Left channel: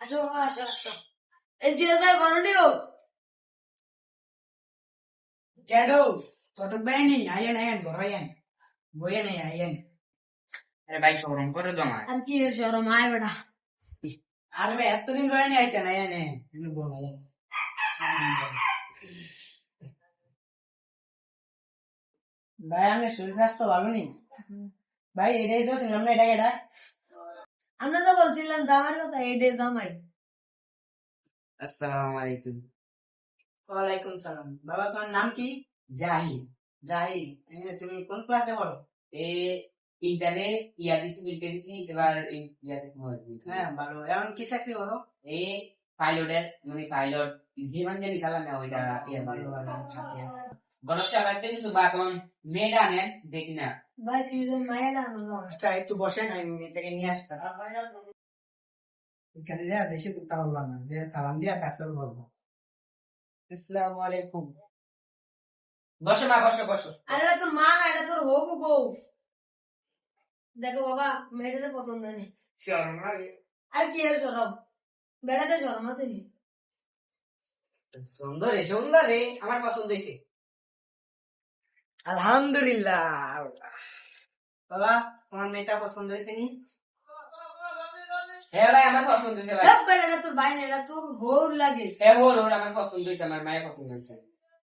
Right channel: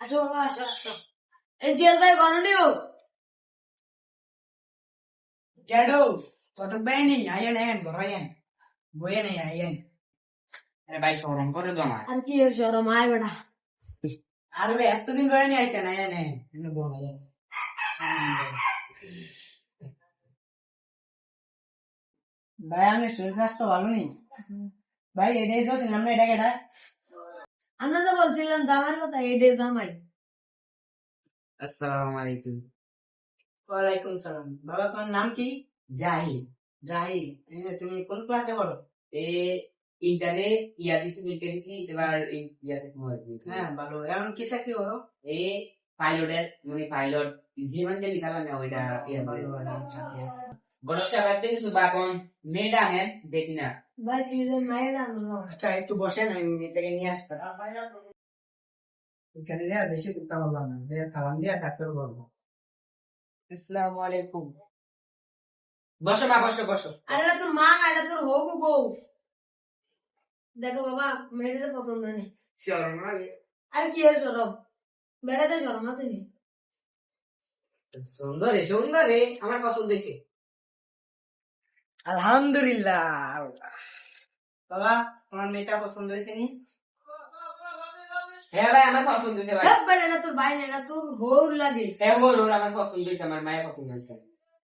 আসো বাবা, আসো আসো। এই জেল ভাই বানানিও Jado, totok bani, ayan, gorayan. Boyan ayan. আরে ভাই শরম করে দাও আমার। আর কি এর শরম আয় বেটা আর ভাই এতদিন বয়ানি আইছেন আয়ান এনে বল আয়ান। ভাই আমি শরীর স্বাস্থ্য ভালো নেই ভাই এটাই তো ছিলাম না এটা কেটা আমরা তো বলছিলাম জামার কথা এই ডে জামাই আসসালামু আলাইকুম। ওয়ালাইকুম সালাম বাবা তোমার নাম কি জাহিদ। জাহিদ তুমি কোন ক্লাসে পড়ো এ ইন্টারে ইয়া দিছি বিলকে দিছি এবার এই ইয়াতে তোমার হ্যাঁ ভালো এখন কি চাকরি করো এ পাইলটের মানে পাইলট বিমান যে চালান না ওইটা ইয়া ভালো ভালো চাকরি আছে গণশা বাদ থেকে সুবা কোন মেয়েটা নেন দেখি না। ভাই তুই যে মায়ের আনো আচ্ছা একটু বসেন আমি এটাকে নিয়ে আসতাম এখানে যা বেশি করতে পারবো না সালাম দিয়া কাছে বলবো আসসালামু আলাইকুম। বসো মা বসো বসো। আরে এটা তোর মা না এটা তোর হবু বউ দেখো বাবা মেয়েটার পছন্দ নেই শরম লাগে। আর কি এর শরম বেড়াতে শরম আছে নি সুন্দরে আমার পছন্দ হয়েছে। আলহামদুলিল্লাহ বাবা তোমার মেয়েটা পছন্দ হয়েছে নি হ্যাঁ ভাই আমার পছন্দ হয়েছে ভাই। বেড়াটা তোর ভাই না এটা তোর হৌর লাগে হ্যাঁ ওর আমার পছন্দ হয়েছে আমার মায়ের পছন্দ হয়েছে।